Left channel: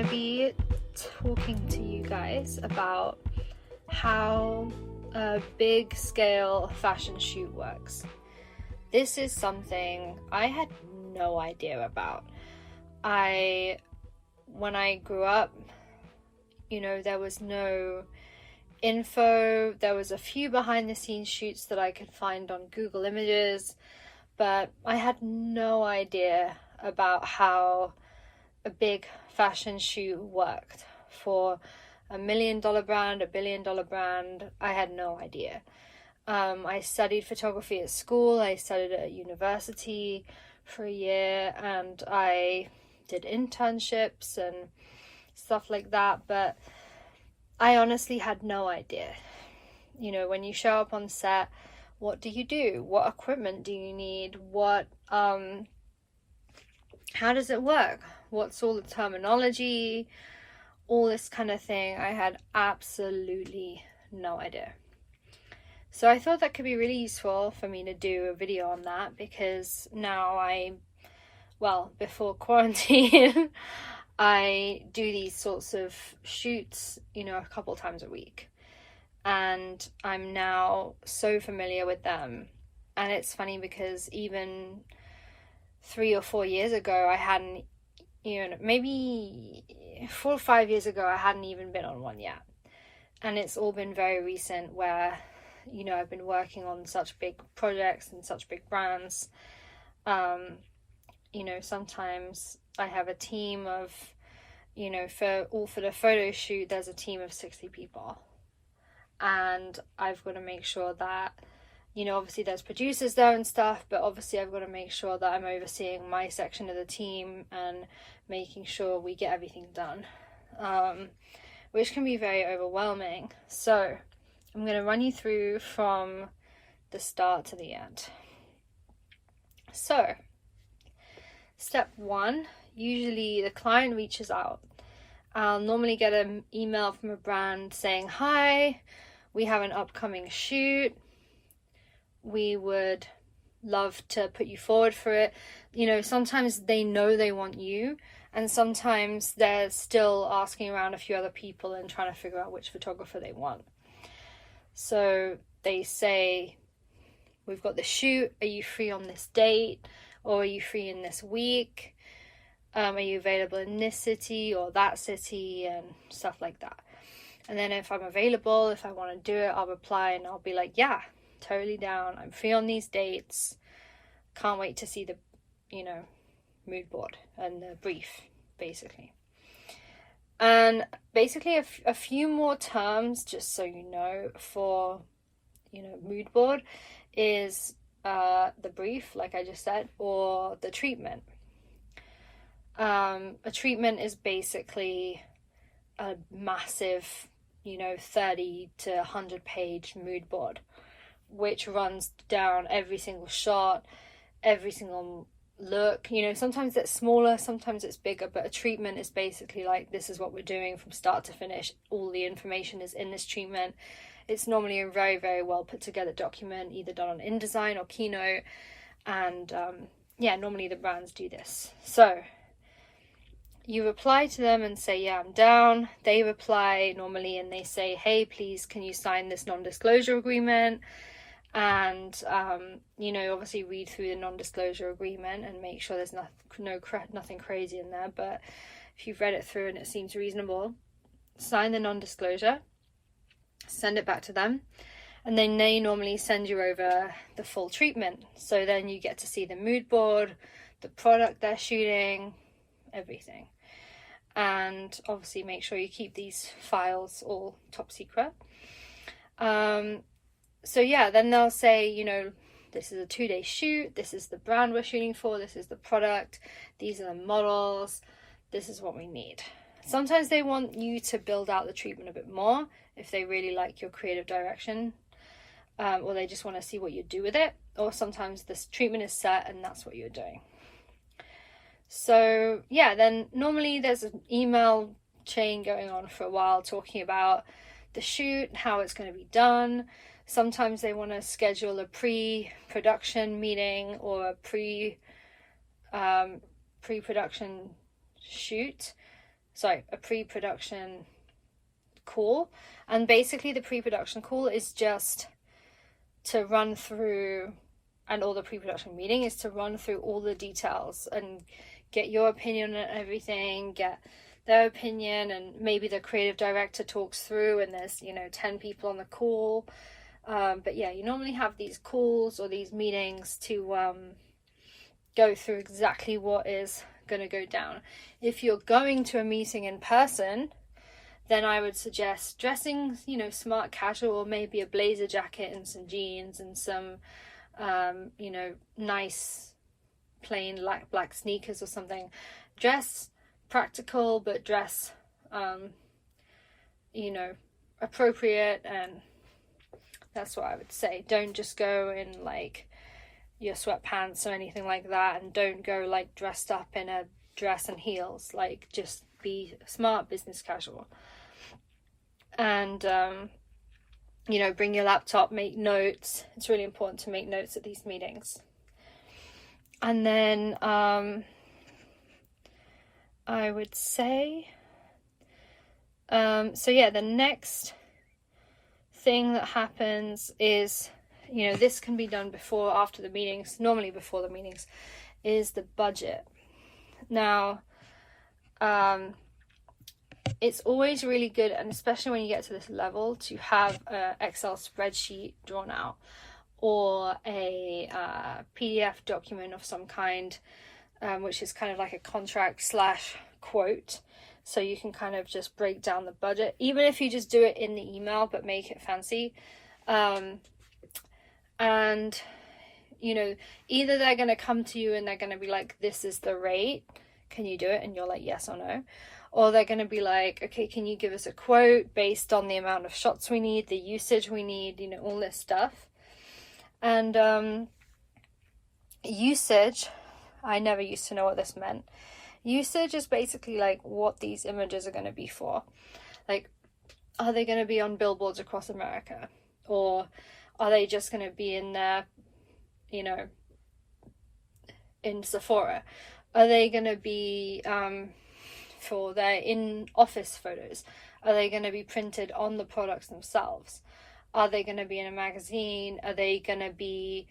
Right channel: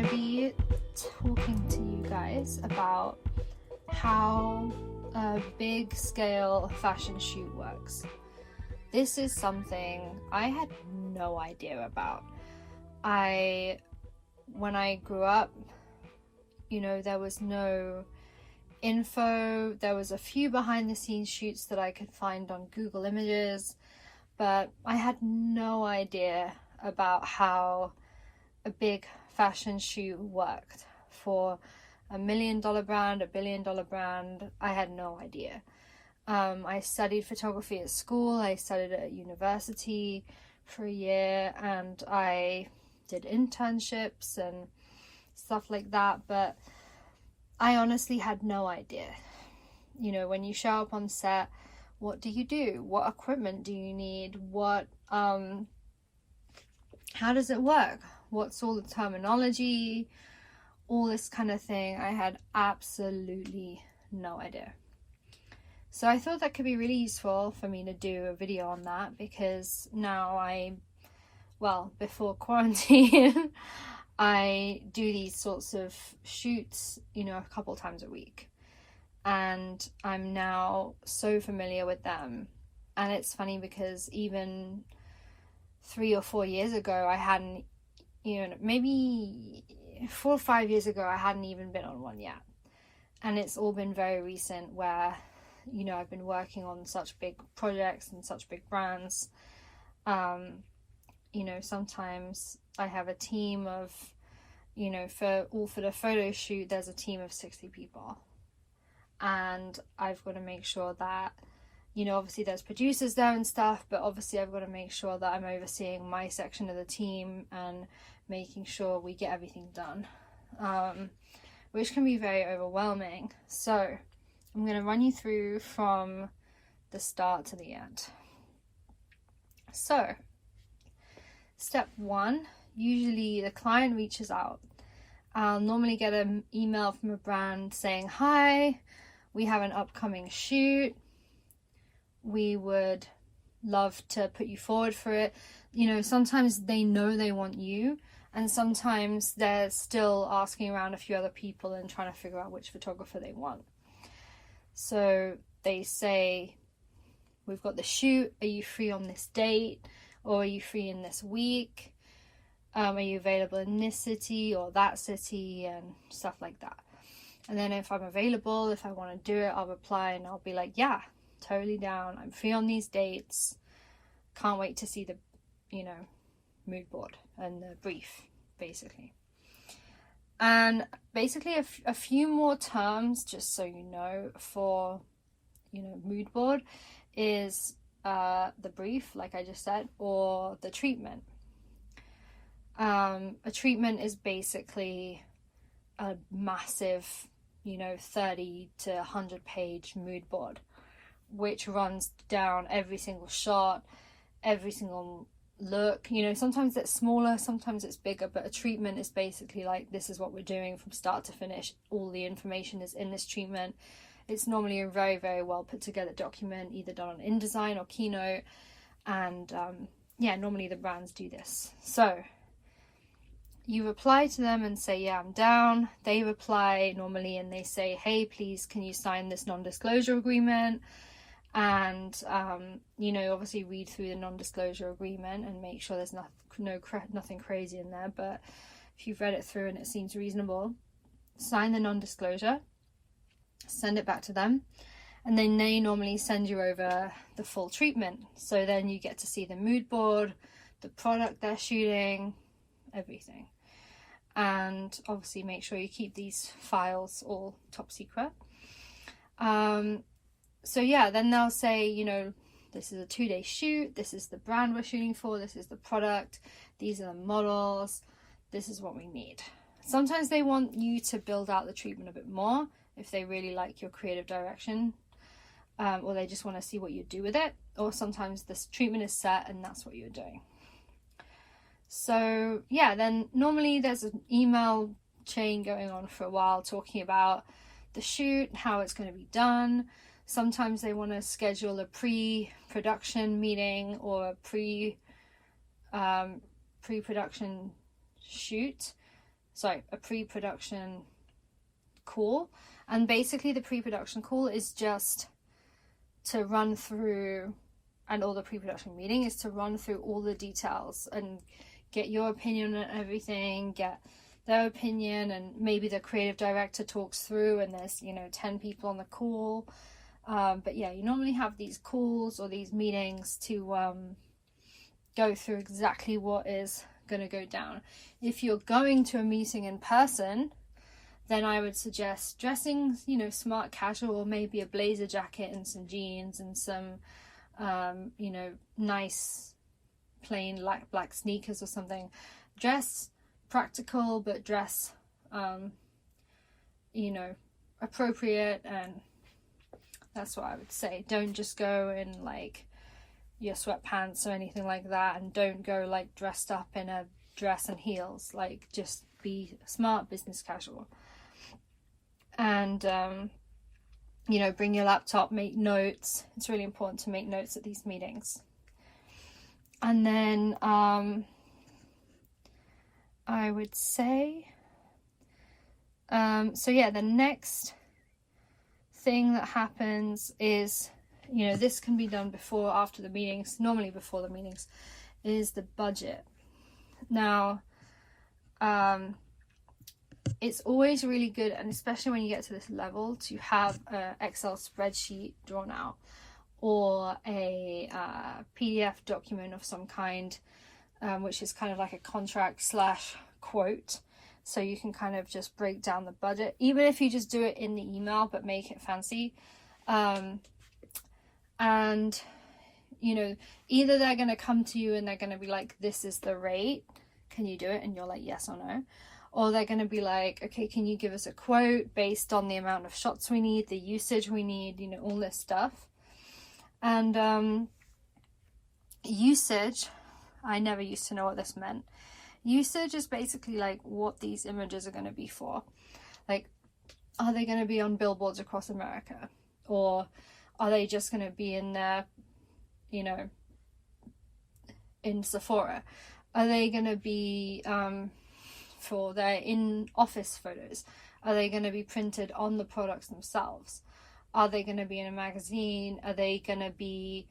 going to be talking to you guys about how a big scale fashion shoot works. This is something I had no idea about. When I grew up, there was no info. There was a few behind the scenes shoots that I could find on Google Images, but I had no idea about how a big fashion shoot worked for $1 million brand, $1 billion brand. I had no idea. I studied photography at school. I studied at university for a year, and I did internships and stuff like that, but I honestly had no idea. When you show up on set, what do you do? What equipment do you need? How does it work? What's all the terminology? All this kind of thing. I had absolutely no idea. So I thought that could be really useful for me to do a video on that, because now before quarantine, I do these sorts of shoots, a couple times a week. And I'm now so familiar with them. And it's funny because even 3 or 4 years ago, I hadn't, maybe 4 or 5 years ago, I hadn't even been on one yet. And it's all been very recent where, I've been working on such big projects and such big brands. Sometimes I have a team of, for the photo shoot, there's a team of 60 people. And I've got to make sure that, obviously there's producers there and stuff, but obviously I've got to make sure that I'm overseeing my section of the team and making sure we get everything done, which can be very overwhelming. So I'm going to run you through from the start to the end. So, step 1, usually the client reaches out. I'll normally get an email from a brand saying, "Hi, we have an upcoming shoot. We would love to put you forward for it." Sometimes they know they want you, and sometimes they're still asking around a few other people and trying to figure out which photographer they want. So they say, "We've got the shoot. Are you free on this date? Or are you free in this week? Are you available in this city or that city?" and stuff like that. And then if I'm available, if I want to do it, I'll reply and I'll be like, "Yeah, totally down. I'm free on these dates. Can't wait to see the, mood board and the brief," basically. And basically a few more terms, just so you know, for, mood board is the brief, like I just said, or the treatment. A treatment is basically a massive, 30 to 100 page mood board, which runs down every single shot, every single look. Sometimes it's smaller, sometimes it's bigger, but a treatment is basically like, this is what we're doing from start to finish. All the information is in this treatment. It's normally a very, very well put together document, either done on InDesign or Keynote. And normally the brands do this. So you reply to them and say, "Yeah, I'm down." They reply normally and they say, "Hey, please, can you sign this non-disclosure agreement?" And, obviously read through the non-disclosure agreement and make sure there's nothing crazy in there. But if you've read it through and it seems reasonable, sign the non-disclosure, send it back to them, and then they normally send you over the full treatment. So then you get to see the mood board, the product they're shooting, everything. And obviously make sure you keep these files all top secret. Then they'll say, "This is a 2-day shoot. This is the brand we're shooting for. This is the product. These are the models. This is what we need." Sometimes they want you to build out the treatment a bit more if they really like your creative direction, or they just want to see what you do with it. Or sometimes this treatment is set and that's what you're doing. So then normally there's an email chain going on for a while talking about the shoot, how it's going to be done. Sometimes they want to schedule a pre-production meeting or a pre-production shoot. pre-production call. And basically the pre-production call is just to run through, and all the pre-production meeting is to run through all the details and get your opinion on everything, get their opinion, and maybe the creative director talks through, and there's 10 people on the call. But yeah, you normally have these calls or these meetings to go through exactly what is going to go down. If you're going to a meeting in person, then I would suggest dressing, smart casual, maybe a blazer jacket and some jeans and some, nice plain black sneakers or something. Dress practical, but dress, appropriate, and that's what I would say. Don't just go in like your sweatpants or anything like that, and don't go like dressed up in a dress and heels. Like, just be smart business casual. And bring your laptop, make notes. It's really important to make notes at these meetings. And then I would say the next thing that happens is, this can be done before or after the meetings, normally before the meetings, is the budget. Now it's always really good, and especially when you get to this level, to have an Excel spreadsheet drawn out, or a PDF document of some kind, which is kind of like a contract / quote, so you can kind of just break down the budget, even if you just do it in the email but make it fancy. And either they're going to come to you and they're going to be like, this is the rate, can you do it? And you're like, yes or no. Or they're going to be like, okay, can you give us a quote based on the amount of shots we need, the usage we need, all this stuff. And usage, I never used to know what this meant. Usage is basically like what these images are going to be for. Like, are they going to be on billboards across America? Or are they just going to be in there, in Sephora? Are they going to be for their in-office photos? Are they going to be printed on the products themselves? Are they going to be in a magazine? Are they going to be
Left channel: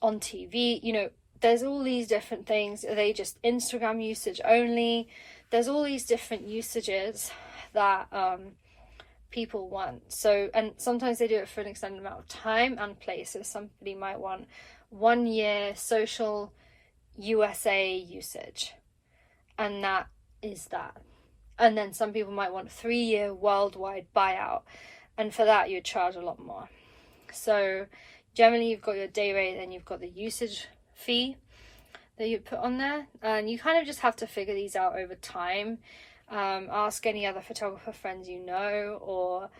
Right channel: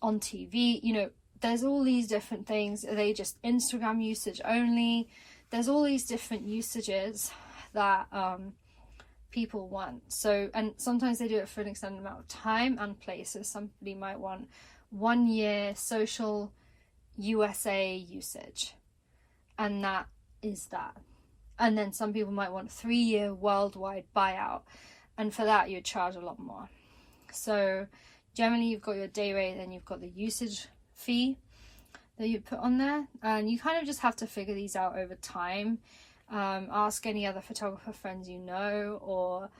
on TV? There's all these different things. Are they just Instagram usage only? There's all these different usages that people want. So, and sometimes they do it for an extended amount of time and place. So somebody might want 1 year social USA usage, and that is that. And then some people might want 3-year worldwide buyout, and for that you'd charge a lot more. So generally you've got your day rate, then you've got the usage fee that you put on there, and you kind of just have to figure these out over time. Ask any other photographer friends or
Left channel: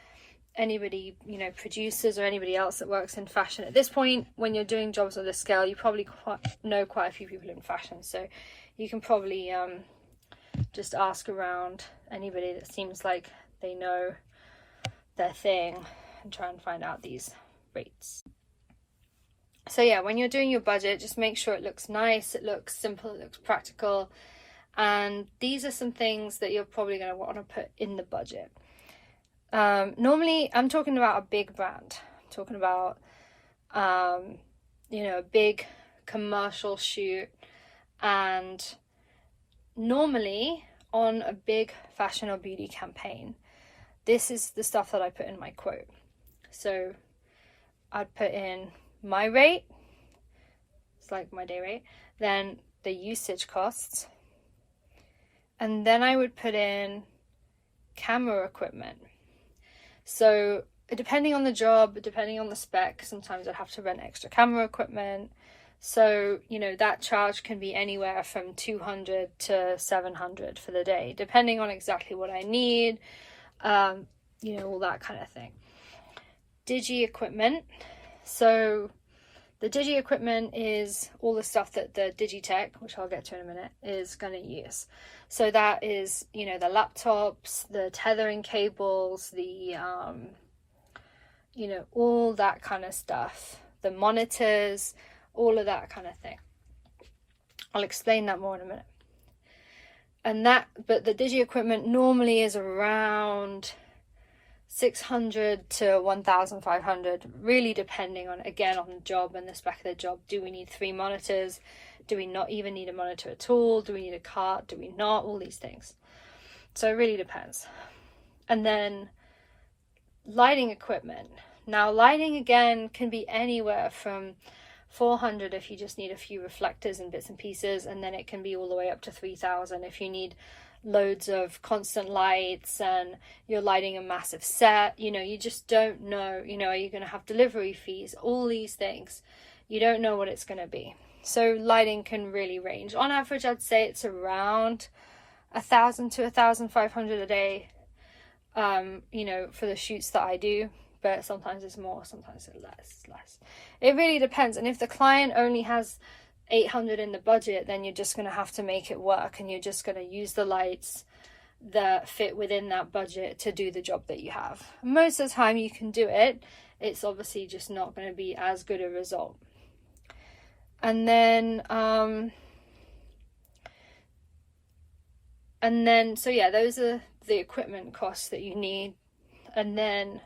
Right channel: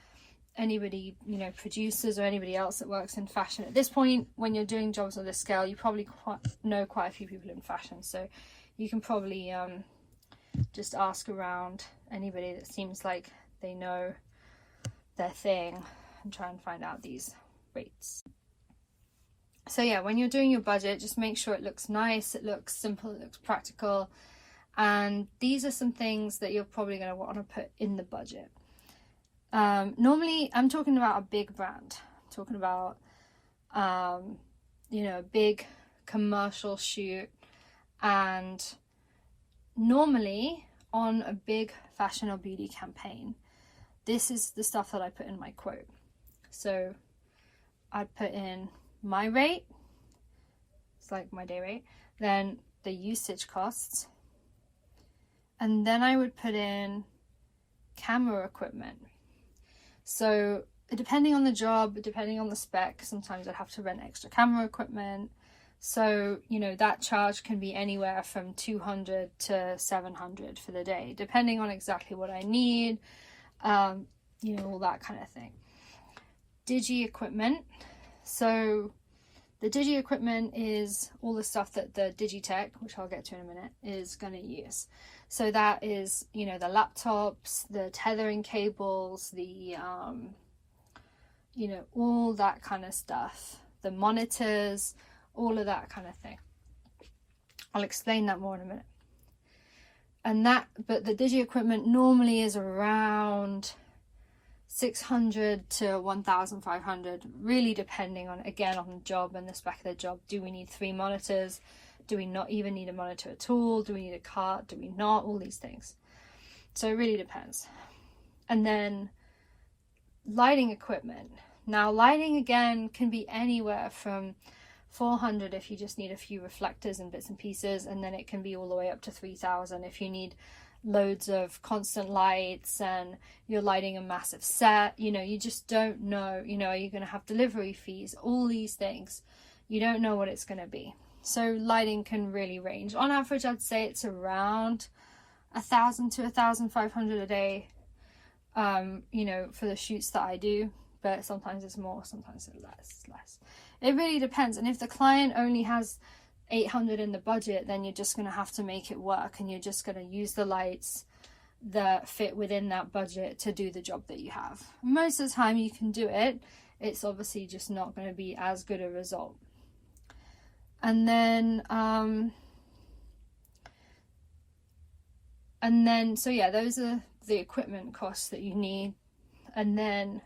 anybody, producers or anybody else that works in fashion. At this point, when you're doing jobs of this scale, you probably know quite a few people in fashion, so you can probably just ask around anybody that seems like they know their thing and try and find out these rates. So yeah, when you're doing your budget, just make sure it looks nice, it looks simple, it looks practical, and these are some things that you're probably going to want to put in the budget. Normally I'm talking about a big brand, I'm talking about a big commercial shoot, and normally on a big fashion or beauty campaign, this is the stuff that I put in my quote. So I'd put in my rate, it's like my day rate, then the usage costs, and then I would put in camera equipment. So depending on the job, depending on the spec, sometimes I'd have to rent extra camera equipment. So, that charge can be anywhere from $200 to $700 for the day, depending on exactly what I need, all that kind of thing. Digi equipment. So the digi equipment is all the stuff that the Digitech, which I'll get to in a minute, is going to use. So that is, the laptops, the tethering cables, the, all that kind of stuff, the monitors, all of that kind of thing. I'll explain that more in a minute. but the digi equipment normally is around 600 to 1,500, really depending on, again, on the job and the spec of the job. Do we need 3 monitors? Do we not even need a monitor at all? Do we need a cart? Do we not? All these things. So it really depends. And then lighting equipment. Now lighting, again, can be anywhere from 400 if you just need a few reflectors and bits and pieces, and then it can be all the way up to 3,000 if you need loads of constant lights and you're lighting a massive set. You know, you just don't know, you know, are you going to have delivery fees? All these things, you don't know what it's going to be. So lighting can really range. On average, I'd say it's around 1,000 to 1,500 a day, you know, for the shoots that I do, but sometimes it's more, sometimes it's less. It really depends. And if the client only has 800 in the budget, then you're just going to have to make it work, and you're just going to use the lights that fit within that budget to do the job that you have. Most of the time you can do it. It's obviously just not going to be as good a result. And then so yeah, those are the equipment costs that you need. And then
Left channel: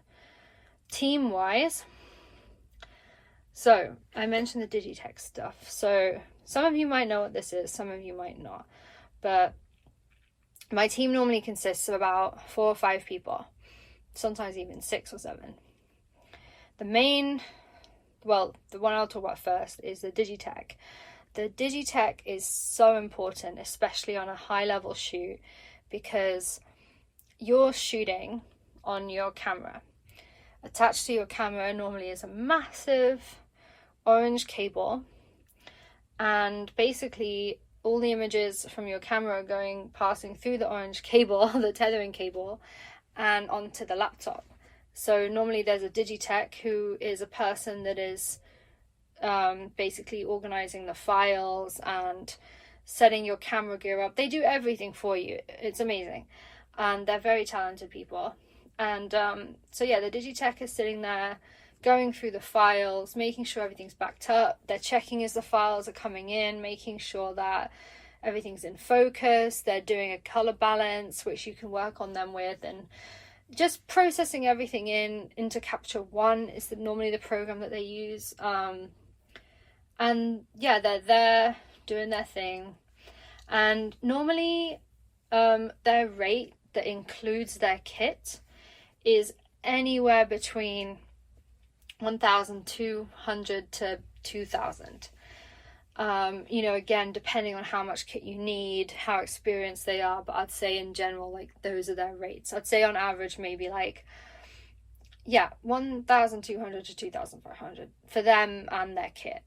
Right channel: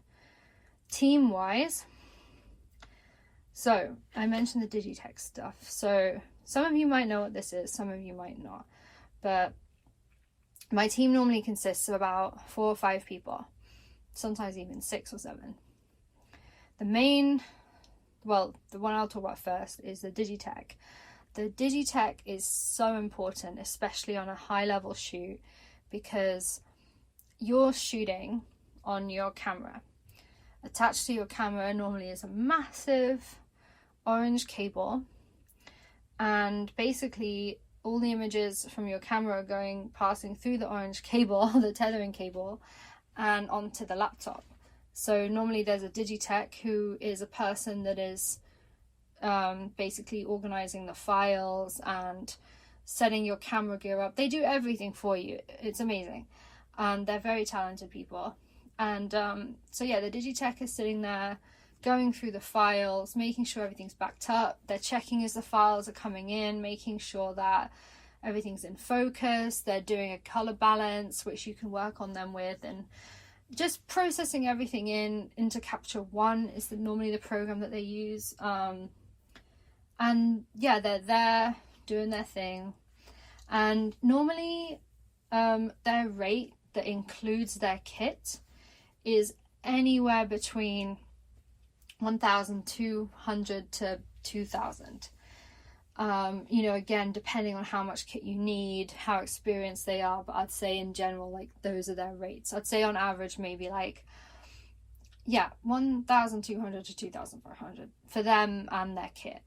team wise, so I mentioned the Digitech stuff. So some of you might know what this is, some of you might not, but my team normally consists of about 4 or 5 people, sometimes even 6 or 7. The one I'll talk about first is the Digitech. The Digitech is so important, especially on a high level shoot, because you're shooting on your camera. Attached to your camera normally is a massive orange cable, and basically all the images from your camera are passing through the orange cable, the tethering cable, and onto the laptop. So normally there's a Digitech who is a person that is basically organizing the files and setting your camera gear up. They do everything for you. It's amazing, and they're very talented people. And so yeah, the Digitech is sitting there going through the files, making sure everything's backed up. They're checking as the files are coming in, making sure that everything's in focus. They're doing a color balance, which you can work on them with, and just processing everything into Capture One is normally the program that they use. And yeah, they're there doing their thing. And normally their rate that includes their kit is anywhere between 1,200 to 2,000. You know, again, depending on how much kit you need, how experienced they are, but I'd say in general, like, those are their rates. I'd say on average maybe like, yeah, 1,200 to 2,500 for them and their kit.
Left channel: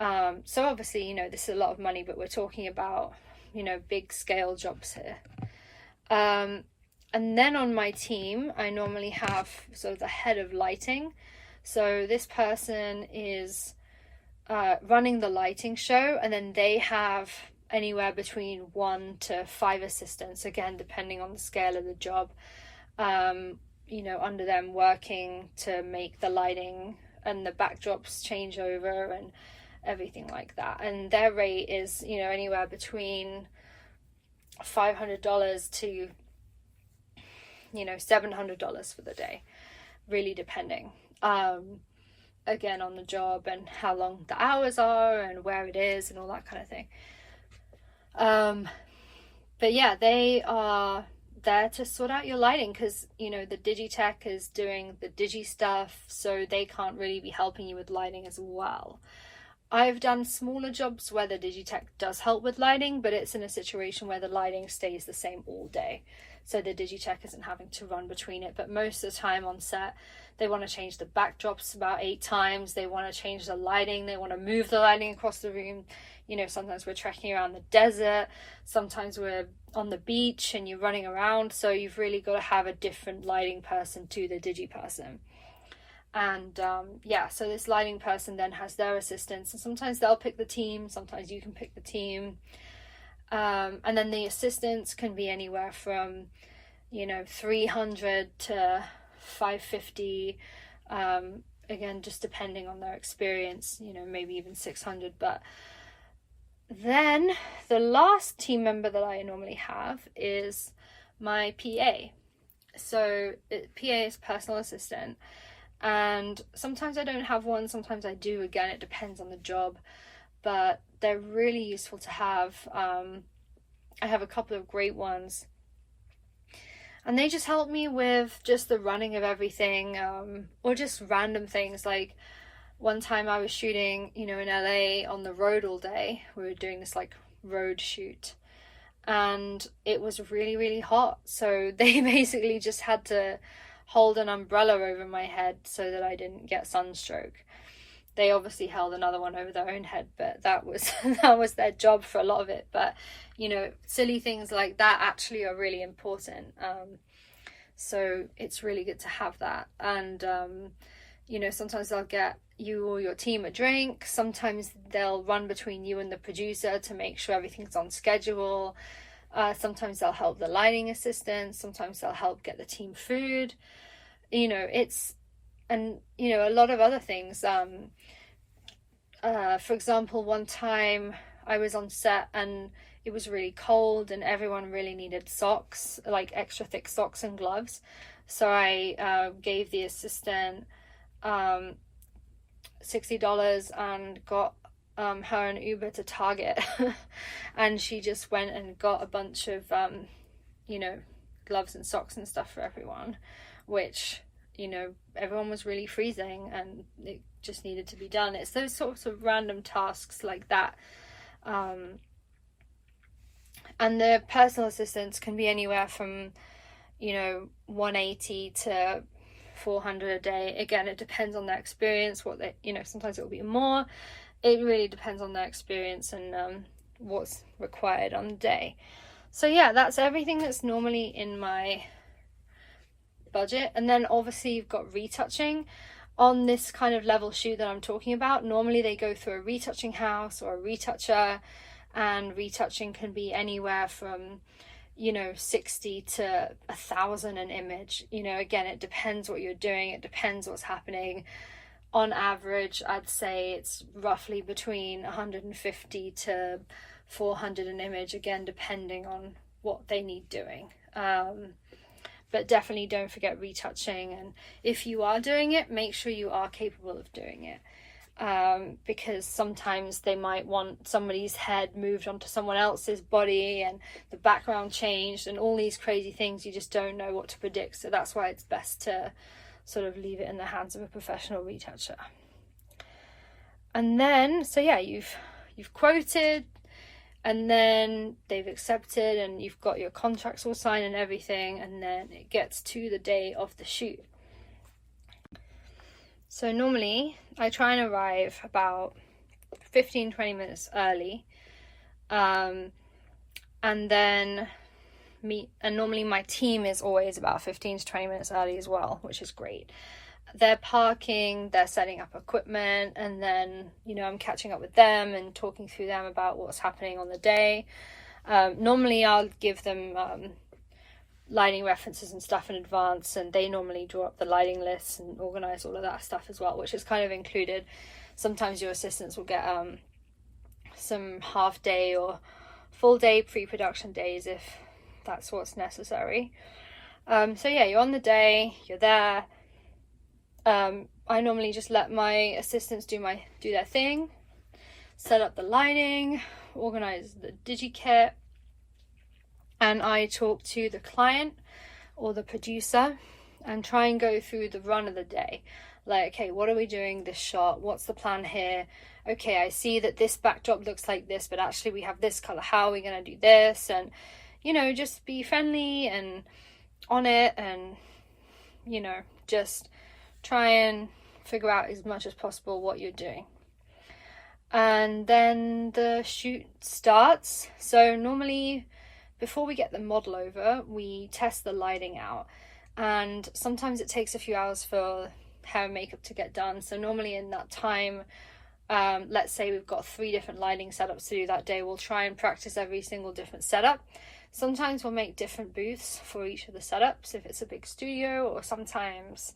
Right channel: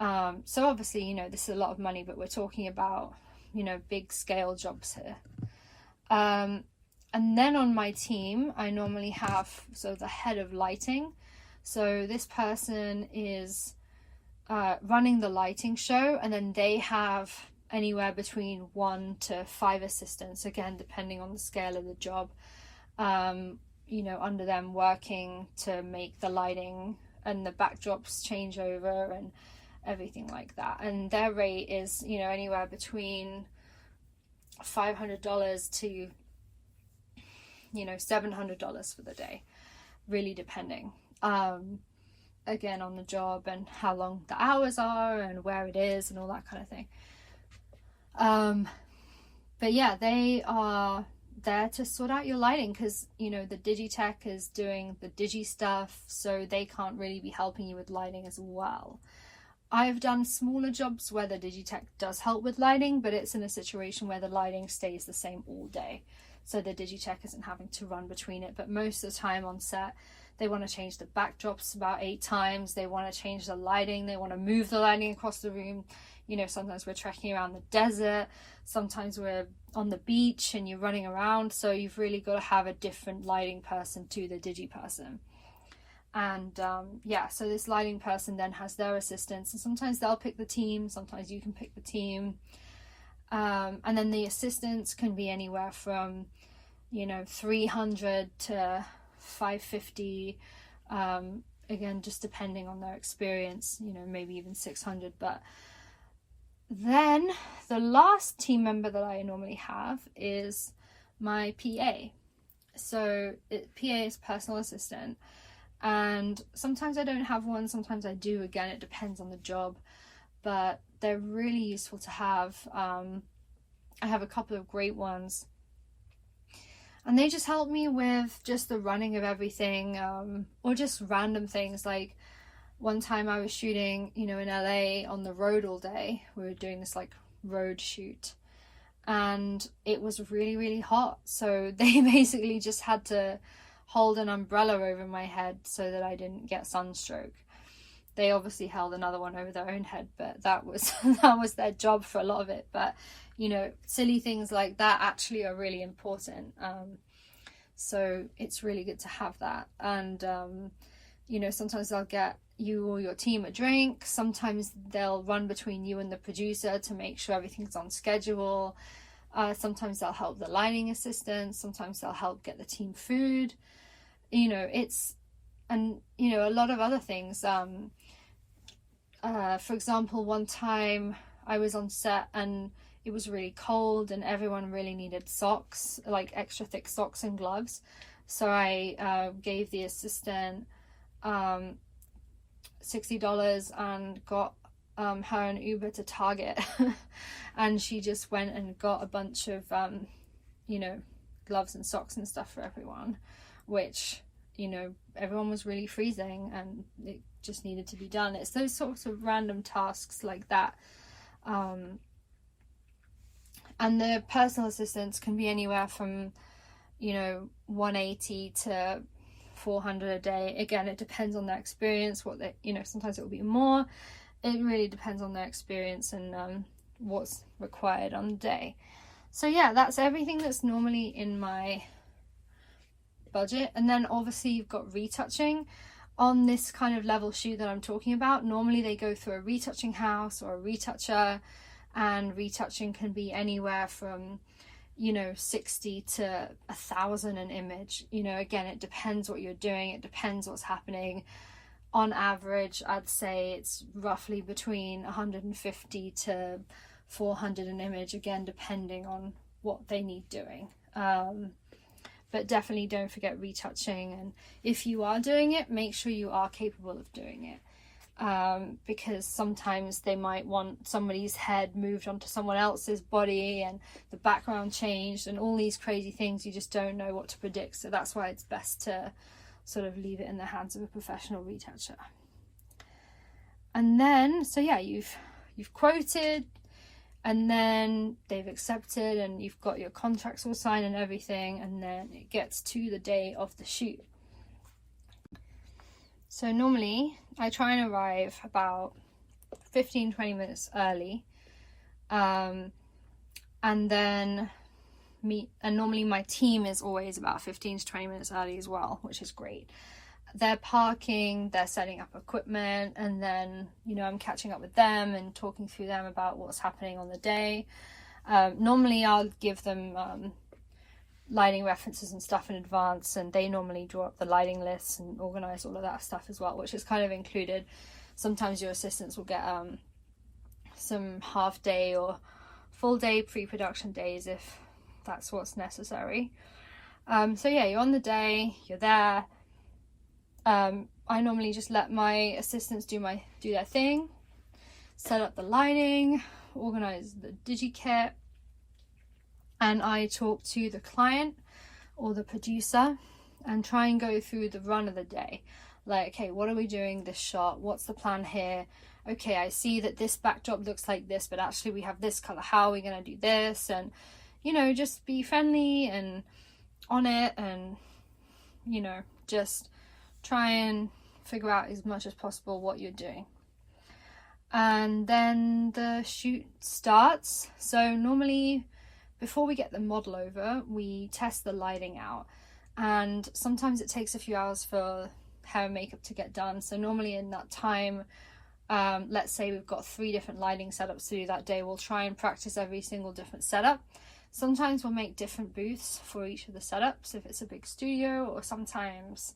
So obviously, you know, this is a lot of money, but we're talking about, you know, big scale jobs here. And then on my team, I normally have, so the head of lighting. So this person is running the lighting show, and then they have anywhere between 1 to 5 assistants, again, depending on the scale of the job, you know, under them, working to make the lighting and the backdrops change over and everything like that. And their rate is, you know, anywhere between $500 to, you know, $700 for the day, really depending again on the job and how long the hours are and where it is and all that kind of thing. But yeah, they are there to sort out your lighting, because, you know, the Digitech is doing the digi stuff, so they can't really be helping you with lighting as well. I've done smaller jobs where the Digitech does help with lighting, but it's in a situation where the lighting stays the same all day, so the Digitech isn't having to run between it. But most of the time on set, they want to change the backdrops about 8 times, they want to change the lighting, they want to move the lighting across the room. You know, sometimes we're trekking around the desert, sometimes we're on the beach and you're running around, so you've really got to have a different lighting person to the digi person. And yeah, so this lighting person then has their assistants, and sometimes they'll pick the team, sometimes you can pick the team. And then the assistants can be anywhere from, you know, 300 to 550, again, just depending on their experience, you know, maybe even 600. But Then the last team member that I normally have is my PA. So PA is personal assistant, and sometimes I don't have one, sometimes I do. Again, it depends on the job, but they're really useful to have. I have a couple of great ones, and they just help me with just the running of everything, or just random things. Like one time I was shooting, in LA on the road all day. We were doing this like road shoot, and it was really, really hot. So they basically just had to hold an umbrella over my head so that I didn't get sunstroke. They obviously held another one over their own head, but that was that was their job for a lot of it. But silly things like that actually are really important. So it's really good to have that. And sometimes they'll get you or your team a drink. Sometimes they'll run between you and the producer to make sure everything's on schedule. Sometimes they'll help the lighting assistants. Sometimes they'll help get the team food. A lot of other things. For example, one time I was on set and it was really cold and everyone really needed socks, like extra thick socks and gloves. So I gave the assistant $60 and got her an Uber to Target. And she just went and got a bunch of gloves and socks and stuff for everyone, which everyone was really freezing and it just needed to be done. It's those sorts of random tasks like that. And the personal assistants can be anywhere from 180 to 400 a day. Again, it depends on their experience, what they sometimes it will be more. It really depends on their experience and what's required on the day. So yeah, that's everything that's normally in my budget. And then obviously you've got retouching. On this kind of level shoot that I'm talking about, normally they go through a retouching house or a retoucher, and retouching can be anywhere from 60 to 1,000 an image. Again, it depends what you're doing, it depends what's happening. On average, I'd say it's roughly between 150 to 400 an image, again depending on what they need doing. But definitely don't forget retouching, and if you are doing it, make sure you are capable of doing it, because sometimes they might want somebody's head moved onto someone else's body and the background changed and all these crazy things. You just don't know what to predict, so that's why it's best to sort of leave it in the hands of a professional retoucher. And then you've quoted, and then they've accepted, and you've got your contracts all signed and everything, and then it gets to the day of the shoot. So normally I try and arrive about 15-20 minutes early, and then normally my team is always about 15 to 20 minutes early as well, which is great. They're parking, they're setting up equipment, and then I'm catching up with them and talking through them about what's happening on the day. Normally I'll give them lighting references and stuff in advance, and they normally draw up the lighting lists and organize all of that stuff as well, which is kind of included. Sometimes your assistants will get some half day or full day pre-production days if that's what's necessary. So yeah, you're on the day, you're there. I normally just let my assistants do their thing, set up the lighting, organize the DigiKit, and I talk to the client or the producer and try and go through the run of the day. Like, okay, what are we doing this shot? What's the plan here? Okay, I see that this backdrop looks like this, but actually we have this color. How are we going to do this? And, just be friendly and on it, and, just try and figure out as much as possible what you're doing. And then the shoot starts. So normally before we get the model over, we test the lighting out, and sometimes it takes a few hours for hair and makeup to get done. So normally in that time, let's say we've got 3 different lighting setups to do that day, we'll try and practice every single different setup. Sometimes we'll make different booths for each of the setups if it's a big studio, or sometimes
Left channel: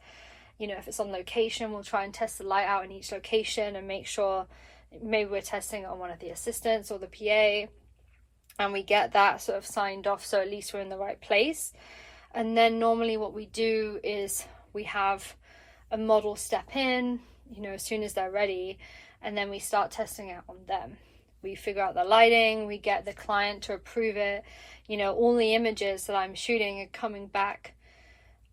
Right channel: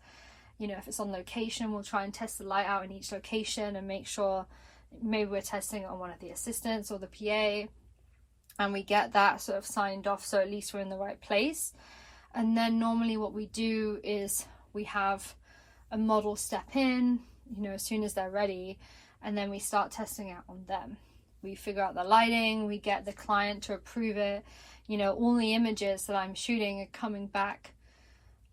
if it's on location, we'll try and test the light out in each location and make sure maybe we're testing it on one of the assistants or the PA, and we get that sort of signed off, so at least we're in the right place. And then normally what we do is we have a model step in, you know, as soon as they're ready, and then we start testing out on them. We figure out the lighting, we get the client to approve it. You know, all the images that I'm shooting are coming back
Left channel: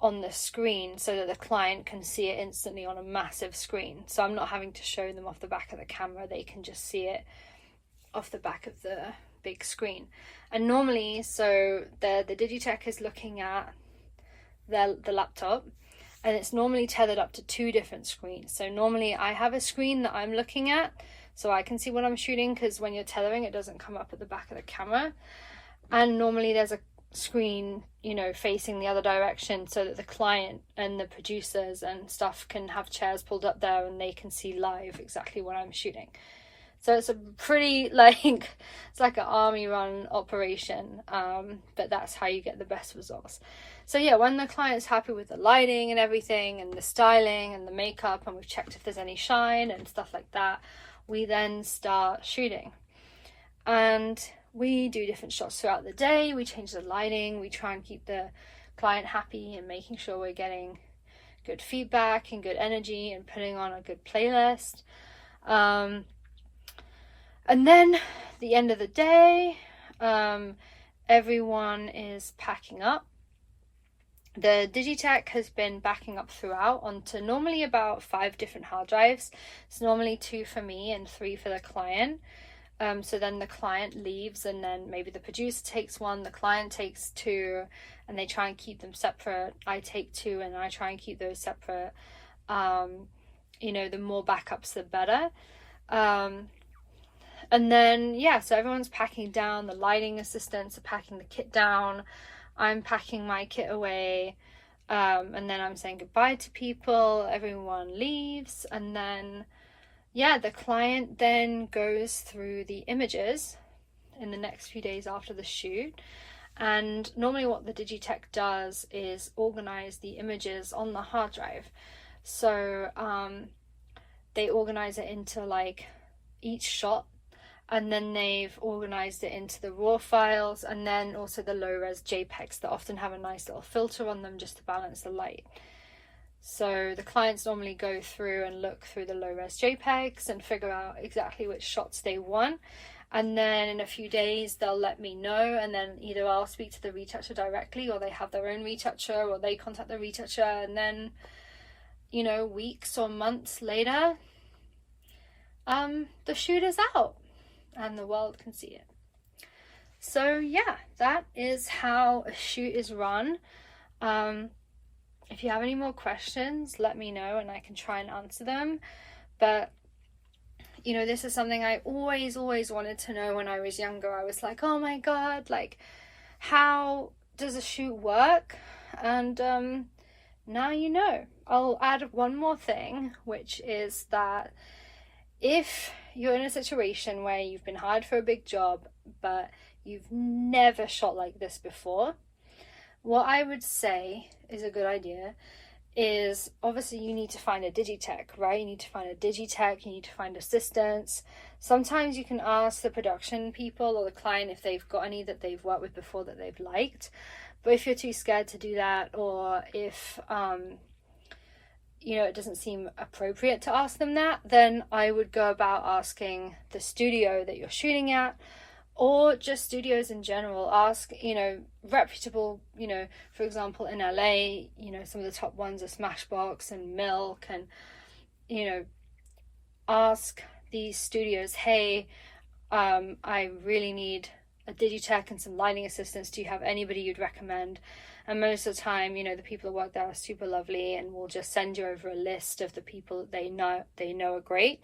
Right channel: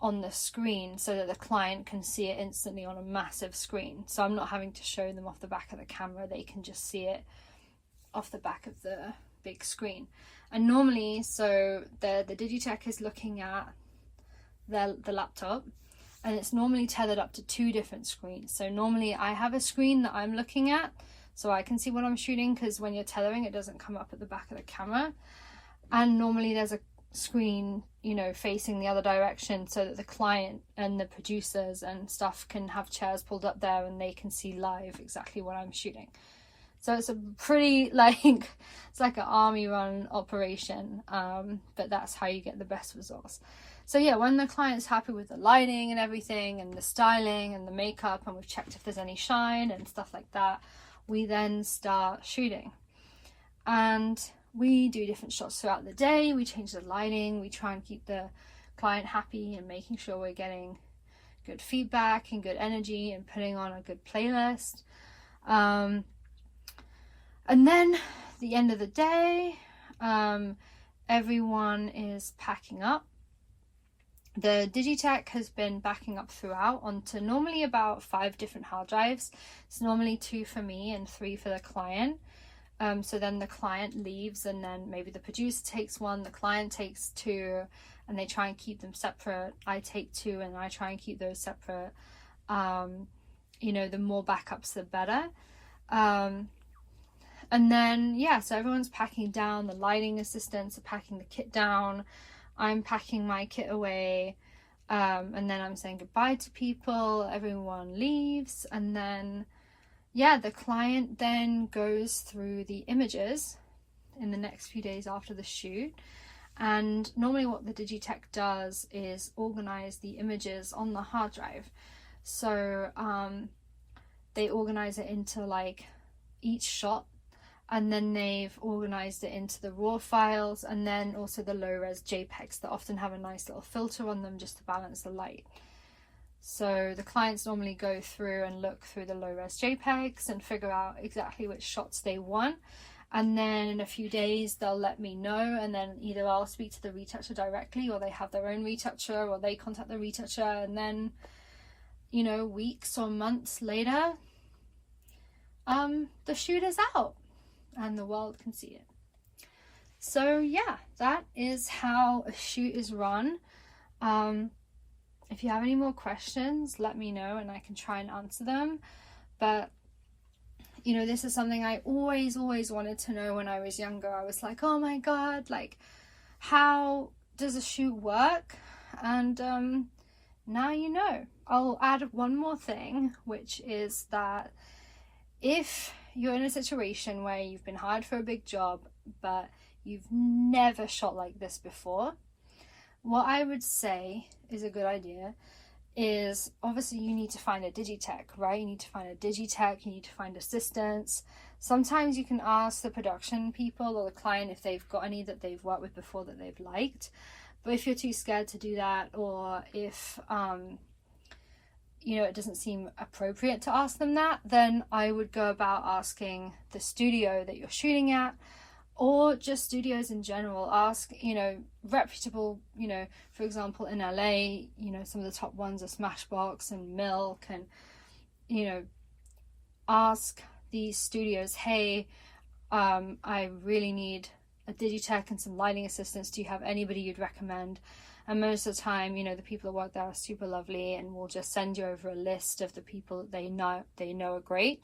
on the screen so that the client can see it instantly on a massive screen. So I'm not having to show them off the back of the camera, they can just see it off the back of the big screen. And normally, so the Digitech is looking at the laptop, and it's normally tethered up to 2 different screens. So normally I have a screen that I'm looking at so I can see what I'm shooting, because when you're tethering it doesn't come up at the back of the camera. And normally there's a screen, you know, facing the other direction so that the client and the producers and stuff can have chairs pulled up there and they can see live exactly what I'm shooting. So it's a pretty, like, it's like an army run operation, but that's how you get the best results. So yeah, when the client's happy with the lighting and everything and the styling and the makeup, and we've checked if there's any shine and stuff like that, we then start shooting. And we do different shots throughout the day, we change the lighting, we try and keep the client happy and making sure we're getting good feedback and good energy and putting on a good playlist. And then the end of the day, everyone is packing up. The Digitech has been backing up throughout onto normally about 5 different hard drives. It's normally 2 for me and 3 for the client. So then the client leaves, and then maybe the producer takes 1, the client takes 2, and they try and keep them separate. I take 2 and I try and keep those separate. You know, the more backups the better. And then, yeah, so everyone's packing down, the lighting assistants are packing the kit down, I'm packing my kit away, and then I'm saying goodbye to people, everyone leaves, and then, yeah, the client then goes through the images in the next few days after the shoot. And normally what the Digitech does is organize the images on the hard drive. So they organize it into like each shot, and then they've organized it into the raw files, and then also the low res JPEGs that often have a nice little filter on them just to balance the light. So the clients normally go through and look through the low res JPEGs and figure out exactly which shots they want, and then in a few days they'll let me know, and then either I'll speak to the retoucher directly, or they have their own retoucher, or they contact the retoucher, and then, you know, weeks or months later, the shoot is out and the world can see it. So yeah, that is how a shoot is run. If you have any more questions, let me know and I can try and answer them. But you know, this is something I always wanted to know when I was younger. I was like, oh my god, like, how does a shoot work? And now you know. I'll add one more thing, which is that if you're in a situation where you've been hired for a big job but you've never shot like this before, what I would say is a good idea is, obviously you need to find a Digitech, right? You need to find a Digitech, you need to find assistants. Sometimes you can ask the production people or the client if they've got any that they've worked with before that they've liked. But if you're too scared to do that, or if you know, it doesn't seem appropriate to ask them that, then I would go about asking the studio that you're shooting at, or just studios in general. Ask, you know, reputable, you know, for example in LA, you know, some of the top ones are Smashbox and Milk, and, you know, ask these studios, hey, I really need a Digitech and some lighting assistants, do you have anybody you'd recommend? And most of the time, you know, the people that work there are super lovely and will just send you over a list of the people that they know are great.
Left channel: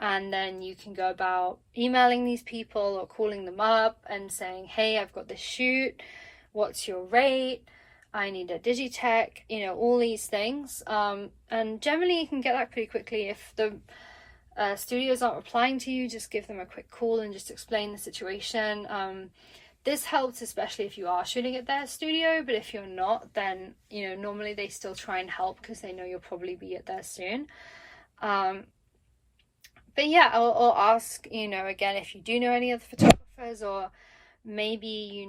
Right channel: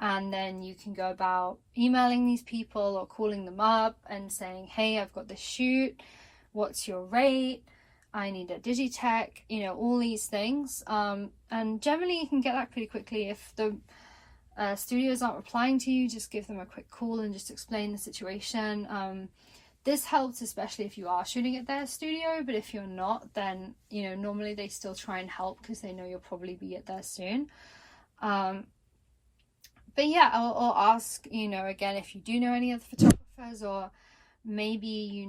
And then you can go about emailing these people or calling them up and saying, hey, I've got this shoot, what's your rate? I need a Digitech, you know, all these things. And generally you can get that pretty quickly. If the studios aren't replying to you, just give them a quick call and just explain the situation. This helps especially if you are shooting at their studio, but if you're not, then, you know, normally they still try and help because they know you'll probably be at there soon. But yeah, I'll ask, you know, again, if you do know any other photographers, or maybe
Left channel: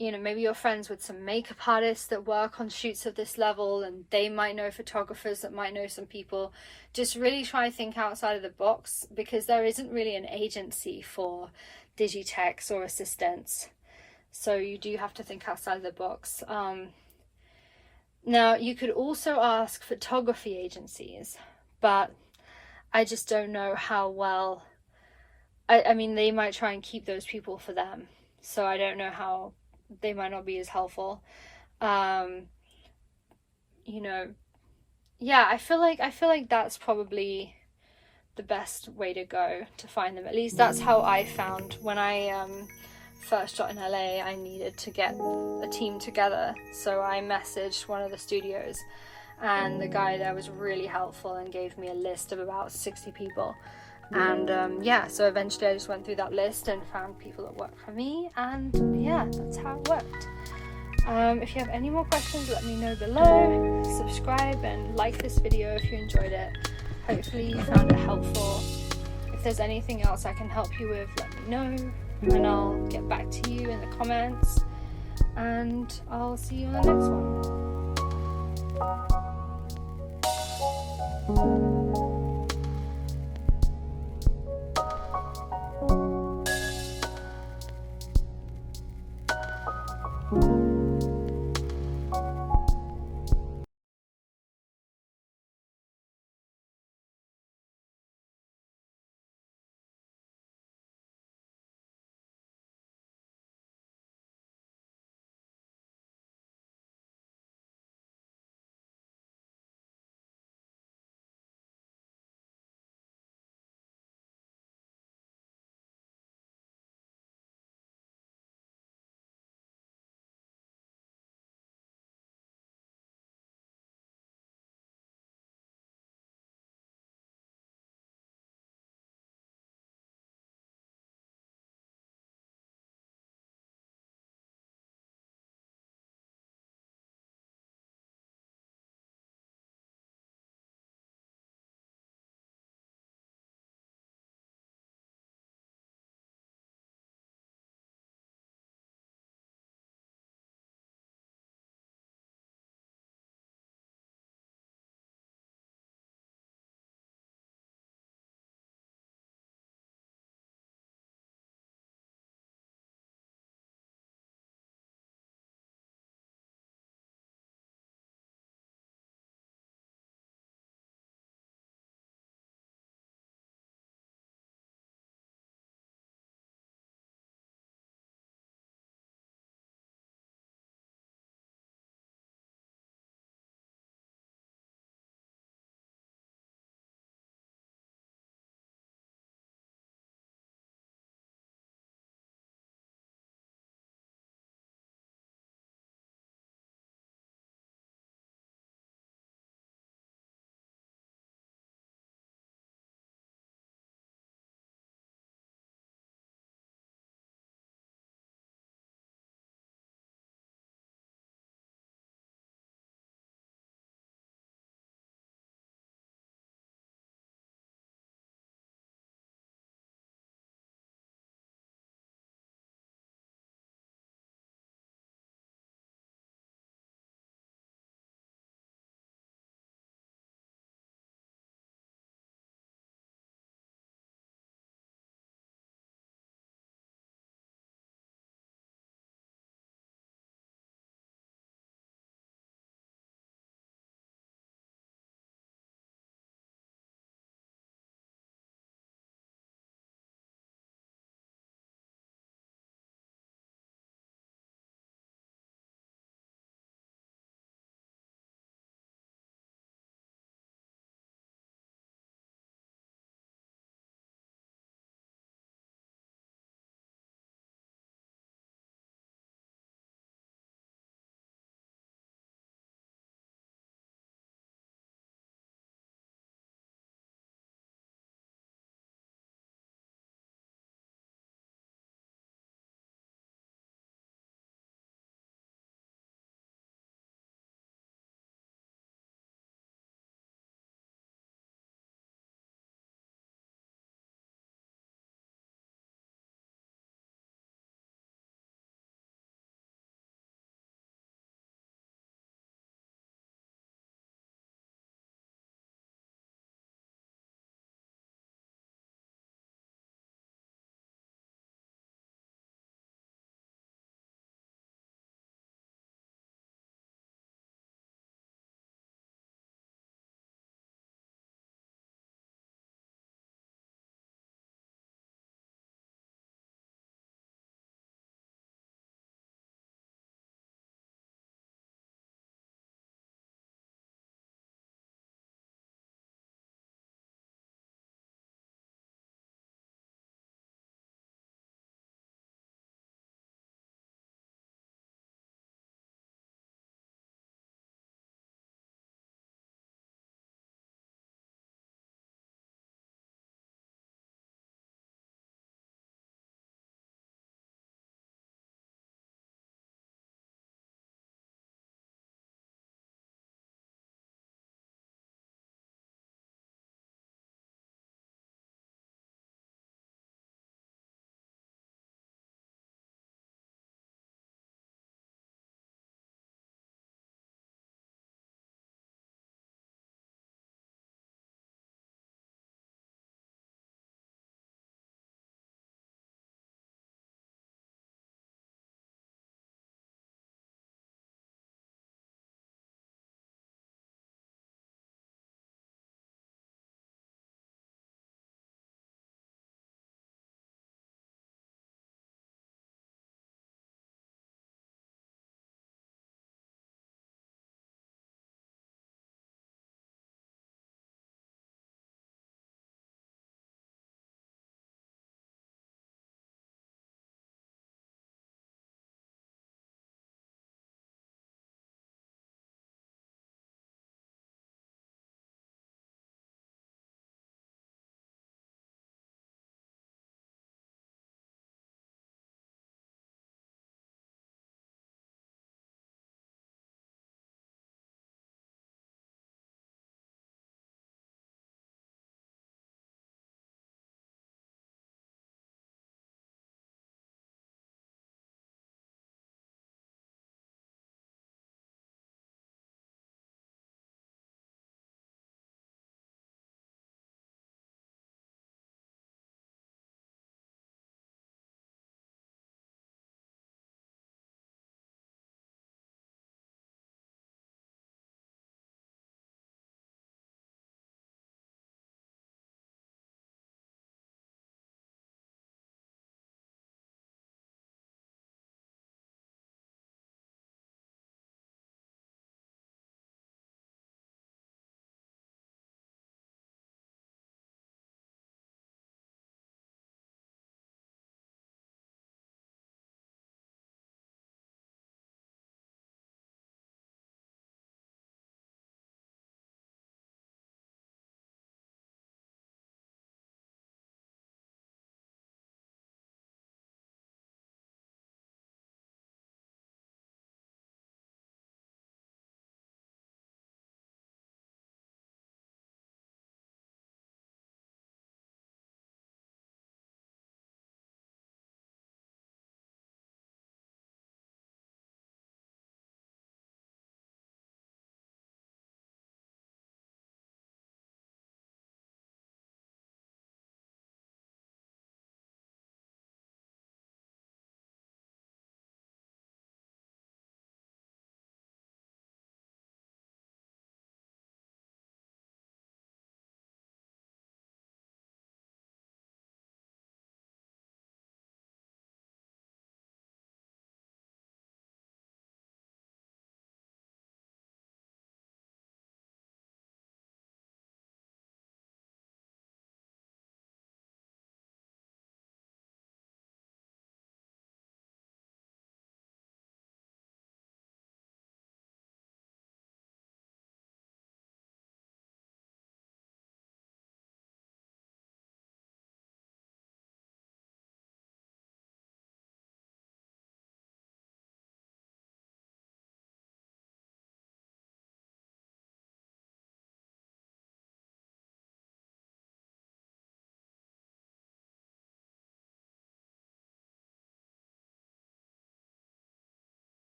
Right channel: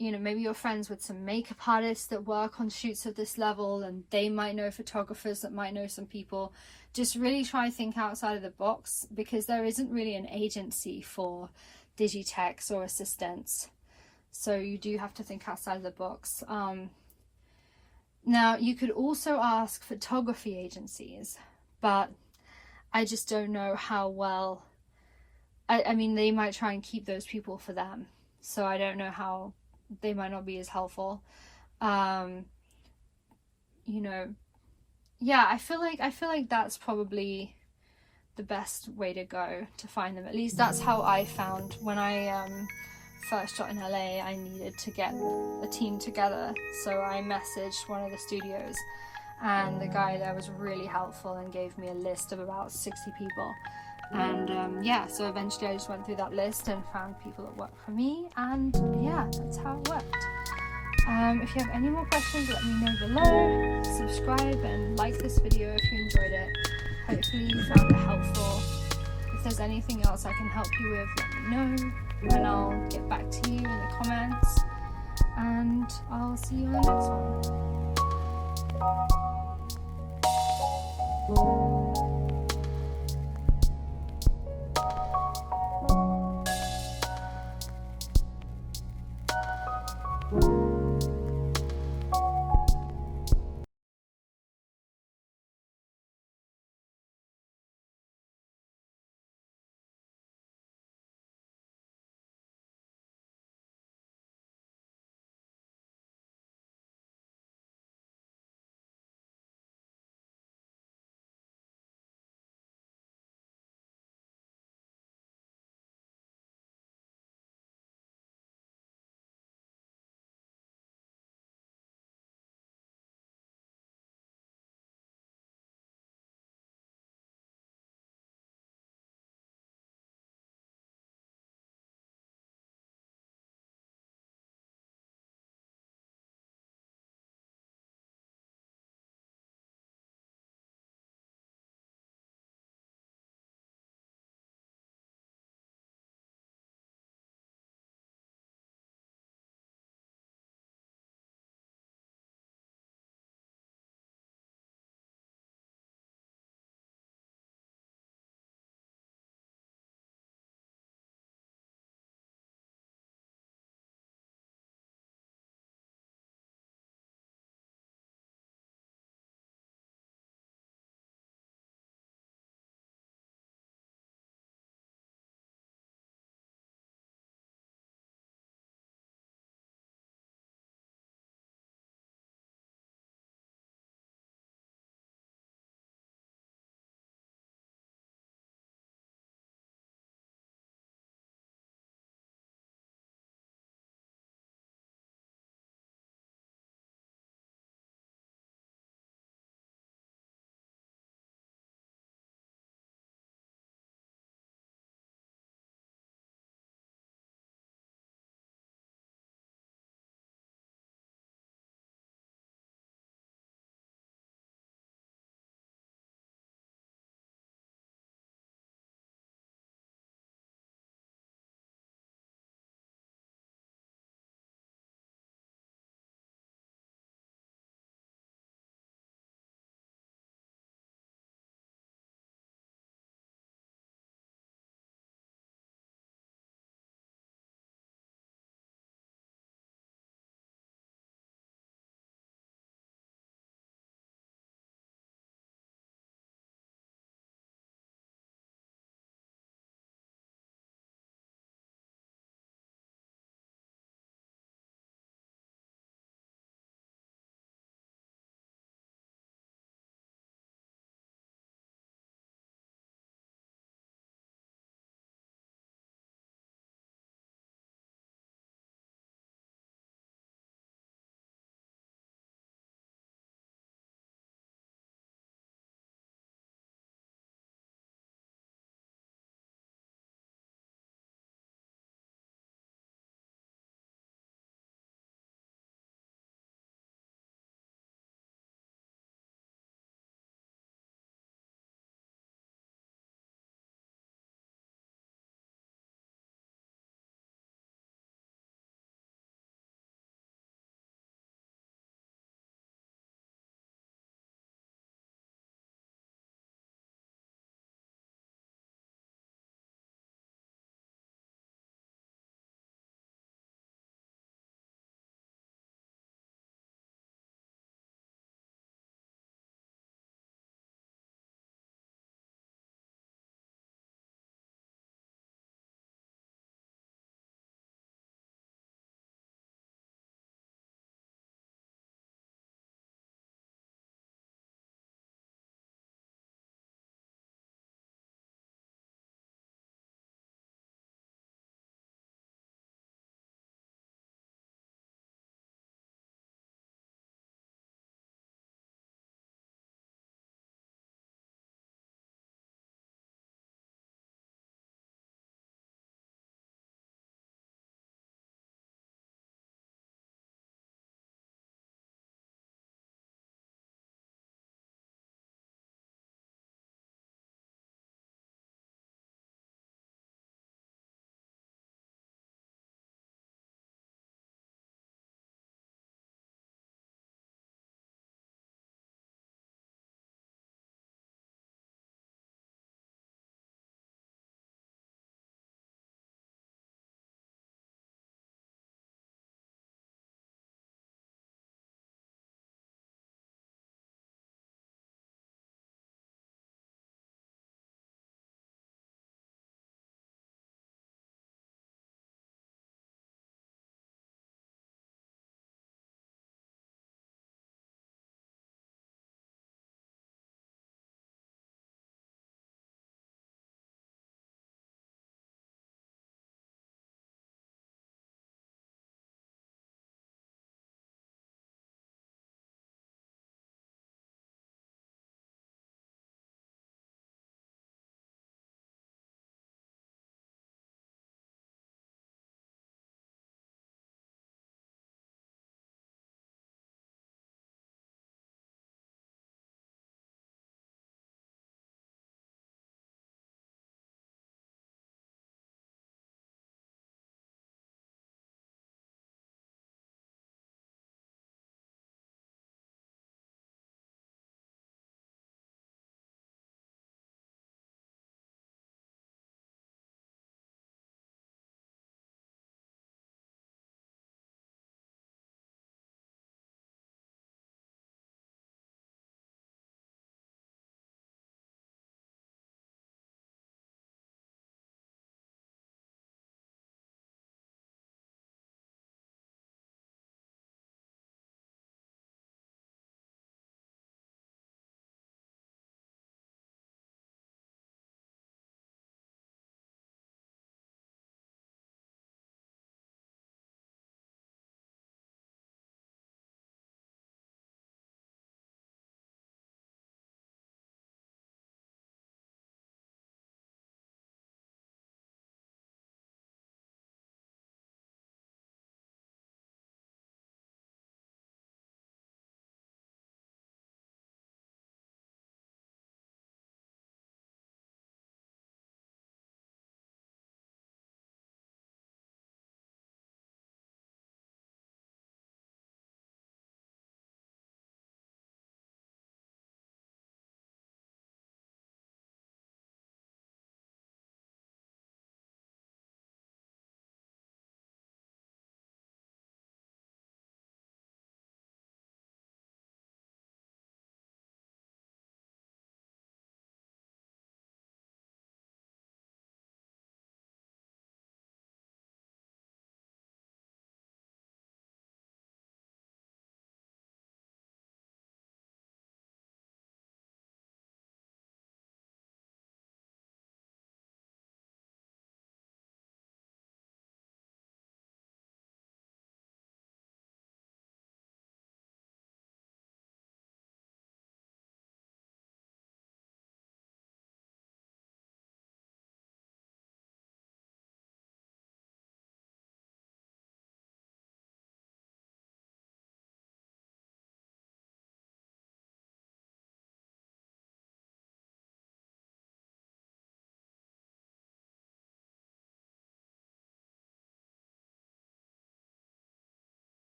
maybe you're friends with some makeup artists that work on shoots of this level, and they might know photographers that might know some people. Just really try to think outside of the box, because there isn't really an agency for digitechs or assistants. So you do have to think outside of the box. Now, you could also ask photography agencies, but I just don't know how well. I mean, they might try and keep those people for them, so I don't know how they might not be as helpful. Um, you know, yeah, I feel like that's probably the best way to go to find them. At least that's how I found when I first shot in LA. I needed to get a team together, so I messaged one of the studios, and the guy there was really helpful and gave me a list of about 60 people. And yeah, so eventually I just went through that list and found people that worked for me, and yeah, that's how it worked. If you have any more questions, let me know below. Subscribe and like this video if you enjoyed it. Hopefully you found it helpful. If there's anything else I can help you with, let me know, and I'll get back to you in the comments, and I'll see you in the next one.